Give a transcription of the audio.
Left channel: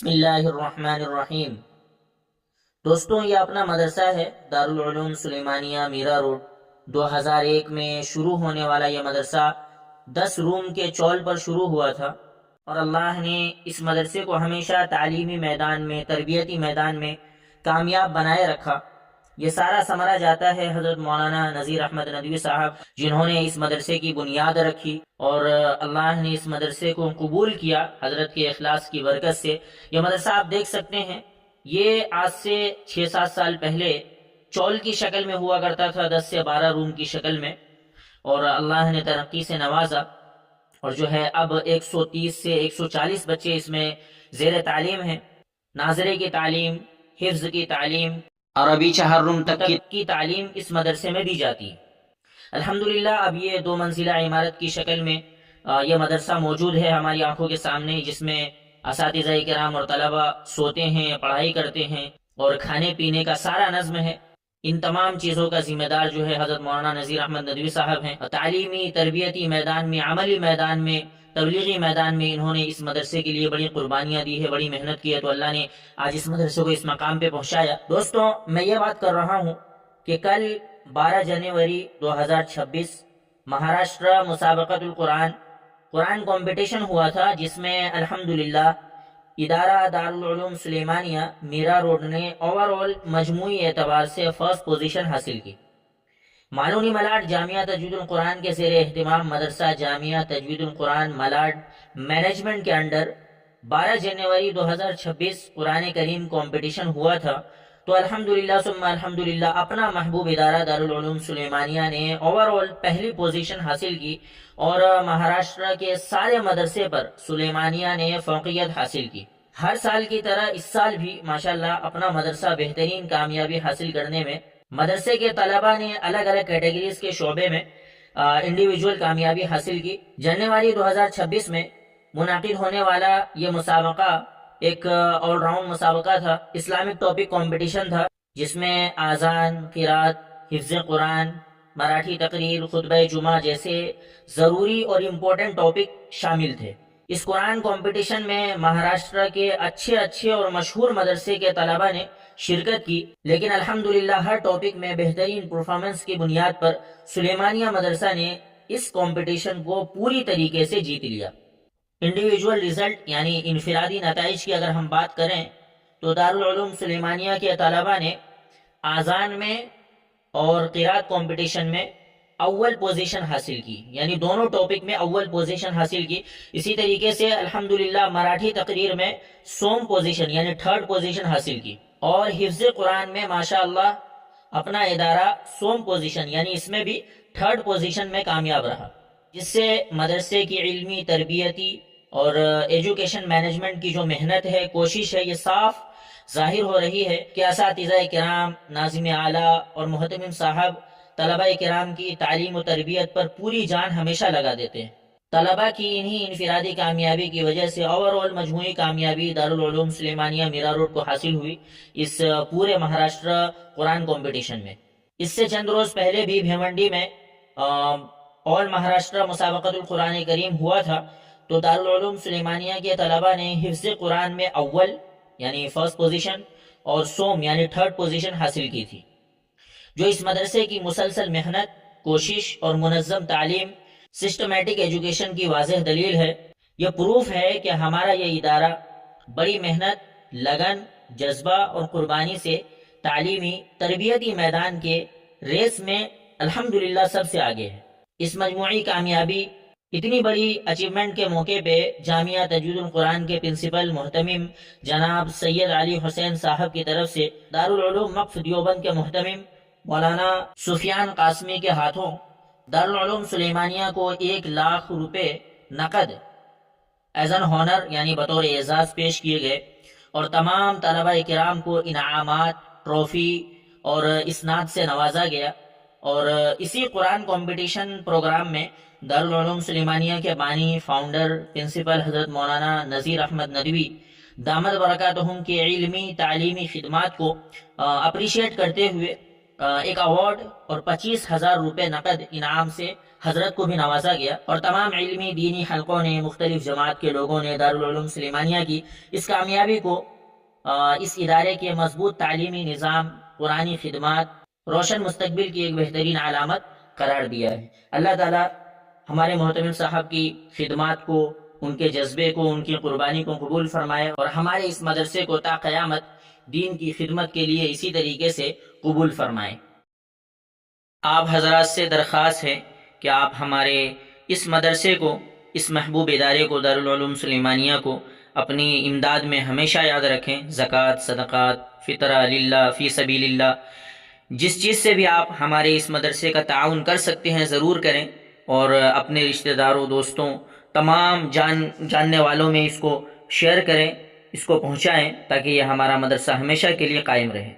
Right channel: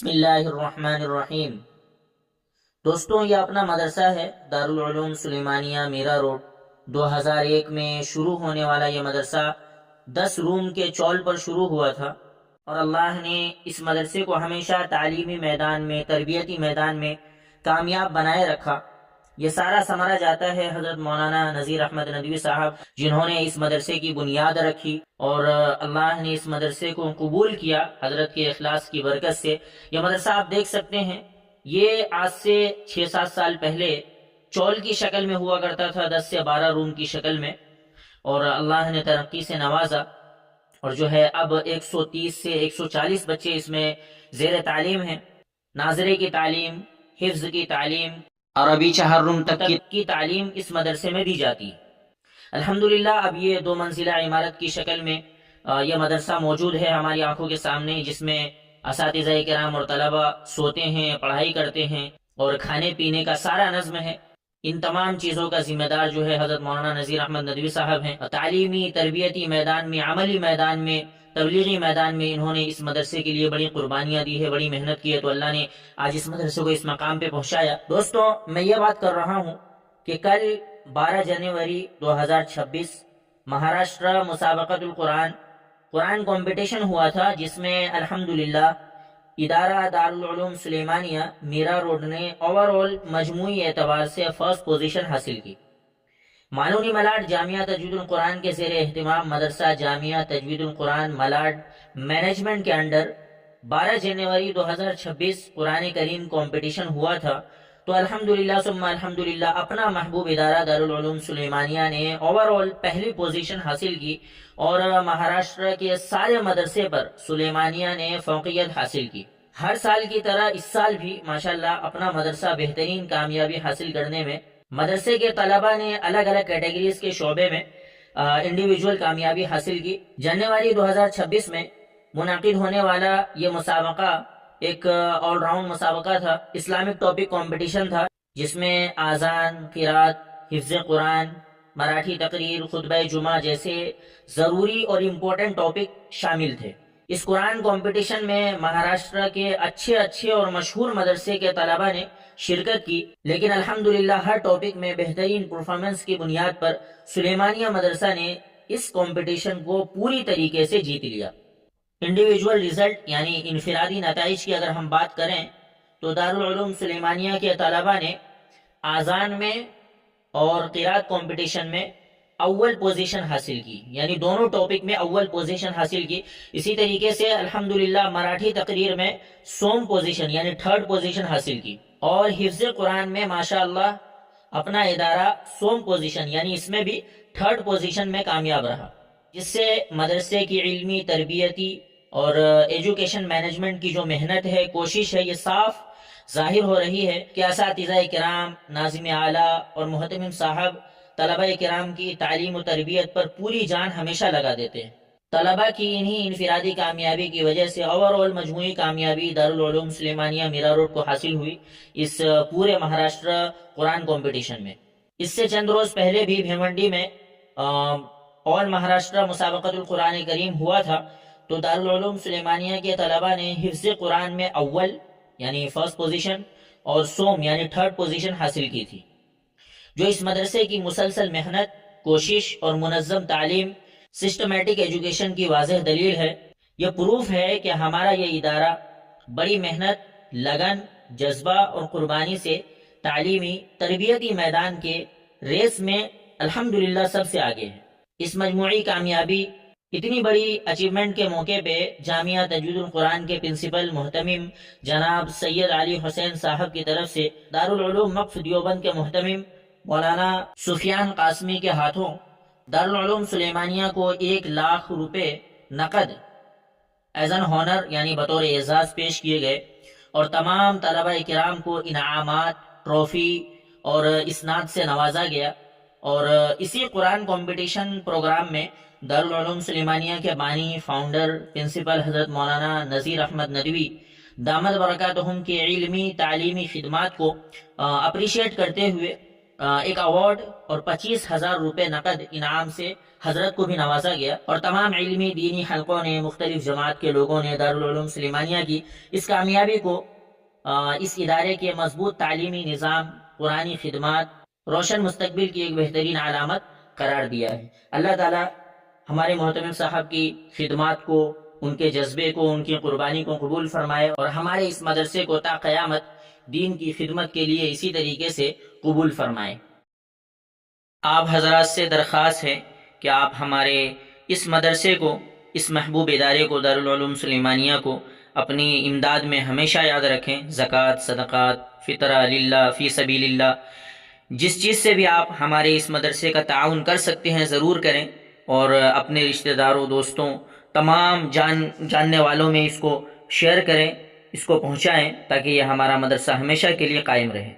بسم اللہ الرحمن الرحیم۔ دوستوں، یہ اپنا مدرسہ ہے دارالعلوم سلیمانیہ میرا روڈ۔ 2001 میں شروع ہونے والا یہ مدرسہ 10 روم کے چول پر شروع ہوا تھا، اور اللہ نے اس مدرسے کو ہمیشہ تعلیمی میدان میں، تربیتی میدان میں کامیاب بنائے رکھا۔ یہ سارا ثمرہ جاتا ہے حضرت مولانا نذیر احمد ندوی صاحب، جنہوں نے اس مدرسے کی بنیاد رکھی، اور اللہ نے اس مدرسے کو قبول کیا حضرت کے اخلاص کی برکت سے۔ یہ مدرسہ آپ دیکھ سکتے ہیں، یہ آج سے 6-7 سال پہلے چول کی شکل میں ہوا کرتا تھا، 10 سے 12 روم کی شکل میں، اور اللہ نے ترقی سے نوازا، اور جو ہے اب 130 سے 140 بچے اس میں زیر تعلیم ہیں۔ ناظرے کی تعلیم، حفظ کی تعلیم، عربی 4 روم تک کی تعلیم اس مدرسے میں دی جاتی ہے۔ الحمدللہ اب یہ 2 منزلہ عمارت کی شکل میں یہ مدرسہ موجود ہے ہماری آنکھوں کے سامنے، جس میں اساتذہ کرام اور طلبہ سوتے ہیں، پڑھائی کرتے ہیں، اور کھانے پینے کا سارا نظم ہے۔ ان تمام چیزوں کا ذمہ دار جو ہے حضرت مولانا نذیر احمد ندوی صاحب ہیں۔ تعلیمی، تربیتی میدان میں، عملی میدان میں، تبلیغی میدان میں انہوں نے اس مدرسے کے لیے بڑی قربانیاں دی ہے، بڑی محنت کی ہے، تو اللہ نے آج اس مدرسے کو اس مقام پہ پہنچایا۔ دوستوں، میں یہ بات کر رہا ہوں کہ کل 12 جنوری 2026 مہاراشٹر مسابقت قرآن کمپٹیشن ہوا تھا، جس میں الحمدللہ ادارہ دارالعلوم سلیمانیہ میرا روڈ نے اوور آل مجموعی اعتبار سے فرسٹ پوزیشن حاصل کی۔ معلونی ملاڈ جامعہ تجوید القرآن کے زیر اہتمام مدرسہ جامعہ تجوید القرآن ملاڈ مینجمنٹ کے انڈر 12 جنوری 2026 قرآن کریم کمپٹیشن ہوا تھا، تو الحمدللہ ثم الحمدللہ اپنا محبوب ادارہ دارالعلوم سلیمانیہ نے اوور آل پہلی پوزیشن حاصل کی، اور مہاراشٹر کے سارے مدرسے پر سلیمانیہ نے فوقیت حاصل کی۔ ہر سال کی طرح اس سال بھی ماشاءاللہ اپنا مدرسہ بہترین کامیابی حاصل کرنے میں مدرسے کے طلبہ نے الگ الگ کیٹیگریز کے شعبے میں انڈیویجول کامیابی حاصل کی۔ جنوری 2026 میں منعقد ہونے والا یہ مسابقہ ایک آل راؤنڈ مسابقہ تھا، اسلامک ٹاپک کمپٹیشن تھا، جس میں آذان، قرات، حفظ قرآن، مراٹھی تقریر، خطبہ جمعہ جیسے ضروری اور امپورٹنٹ ٹاپک شامل تھے۔ اس قرآن کمپٹیشن میں مہاراشٹر کے اچھے اور مشہور مدرسے کے طلبہ نے شرکت کی، لیکن الحمدللہ ہر ٹاپک میں بہترین پرفارمنس کی بنیاد پر سلیمانیہ مدرسہ نے اس کمپٹیشن کو پوری طریقے سے جیت لیا۔ انڈیویجول ریزلٹ یعنی انفرادی نتائج کی اگر ہم بات کریں تو دارالعلوم سلیمانیہ کے طلبہ نے آذان میں اور قرات کمپٹیشن میں اول پوزیشن حاصل کی، یعنی دونوں ٹاپک میں اول پوزیشن حاصل کی۔ اسی طریقے سے الحمدللہ مراٹھی تقریر میں سوم پوزیشن یعنی 3rd پوزیشن حاصل کی، اور حفظ قرآن میں ماشاءاللہ اپنا ادارہ سوم پوزیشن یعنی اس میں بھی 3rd پوزیشن میں کامیاب رہا، جس سے مدرسے کی علمی، تربیتی اور ایجوکیشن مینجمنٹ کی جو محنت ہے، کوشش ہے، یہ صاف ظاہر ہو رہی ہے کہ اساتذہ کرام، ناظم اعلیٰ اور محتمم صاحب طلبہ کرام کی تعلیم و تربیت پر پوری جان ہمیشہ لگا دیتے ہیں۔ طلبہ کی انہی انفرادی کامیابی کی وجہ سے اوور آل مجموعی کامیابی دارالعلوم سلیمانیہ میرا روڈ کو حاصل ہوئی اس پورے مہاراشٹر قرآن کمپٹیشن میں۔ اس سے چند روز پہلے بھی بھیونڈی میں آل مہاراشٹر مسابقت القرآن کریم ہوا تھا، تو دارالعلوم سلیمانیہ کے طلبہ نے حفظ قرآن میں اول یعنی فرسٹ پوزیشن اور سوم یعنی 3rd پوزیشن حاصل کی تھی، جو اس مدرسے کی مسلسل محنت، کوشش اور منظم تعلیم، سسٹمیٹک ایجوکیشن کی واضح دلیل ہے۔ یہ پروف ہے کہ ہمارا یہ ادارہ بڑی محنت، لگن، جذبہ اور قربانی سے تعلیمی، تربیتی میدان کے ریس میں الحمدللہ سب سے آگے ہے۔ اس مجموعی کامیابی، اتنی بڑی اچیومنٹ کے موقع پہ جامعہ تجوید القرآن کے پرنسپل محتمم جناب سید علی حسین صاحب کی طرف سے دارالعلوم وقف دیوبند کے محتمم مولانا سفیان قاسمی کے ہاتھوں دارالعلوم سلیمانیہ کو 1 لاکھ روپے نقد ایز این ہانر یعنی بطور اعزاز پیش کیے گئے، اور تمام طلبہ کرام کو انعامات، ٹرافی اور اسناد سے نوازا گیا۔ اور اسی قرآن کمپٹیشن پروگرام میں دارالعلوم سلیمانیہ کے بانی، فاؤنڈر، پرنسپل حضرت مولانا نذیر احمد ندوی دامت برکاتہم کے علمی، تعلیمی خدمات کو اپریشیٹ کرتے ہوئے ایک ایوارڈ اور 25,000 روپے نقد انعام سے حضرت کو بھی نوازا گیا، اور تمام علمی دینی حلقوں نے، مختلف جماعت کے لوگوں نے دارالعلوم سلیمانیہ کی اس کامیابی کو اس ادارے کے مضبوط تعلیمی نظام، قرآنی خدمات، روشن مستقبل کی ایک بہترین علامت قرار دیا ہے۔ اللہ تعالی ہمارے محتمم صاحب کی خدمات کو، ان کے جذبے کو، ان کی قربانی کو قبول فرمائے، اور ہمارے اس مدرسے کو تا قیامت دین کی خدمت کے لیے اسی طریقے سے قبول فرمائے۔ آپ حضرات سے درخواست ہے کہ آپ ہمارے اس مدرسے کو، اس محبوب ادارے کو، دارالعلوم سلیمانیہ کو اپنی امداد میں ہمیشہ یاد رکھیں۔ زکوٰۃ، صدقات، فطرہ للہ، فی سبیل اللہ، جس چیز سے بھی آپ ہمارے اس مدرسے کا تعاون کر سکتے ہیں ضرور کریں، اور اپنے رشتہ داروں، دوستوں، تمام جاننے والوں میں اس کو شیئر کریں، اس کو پہنچائیں، تاکہ یہ ہمارا مدرسہ ہمیشہ کے لیے قائم رہے۔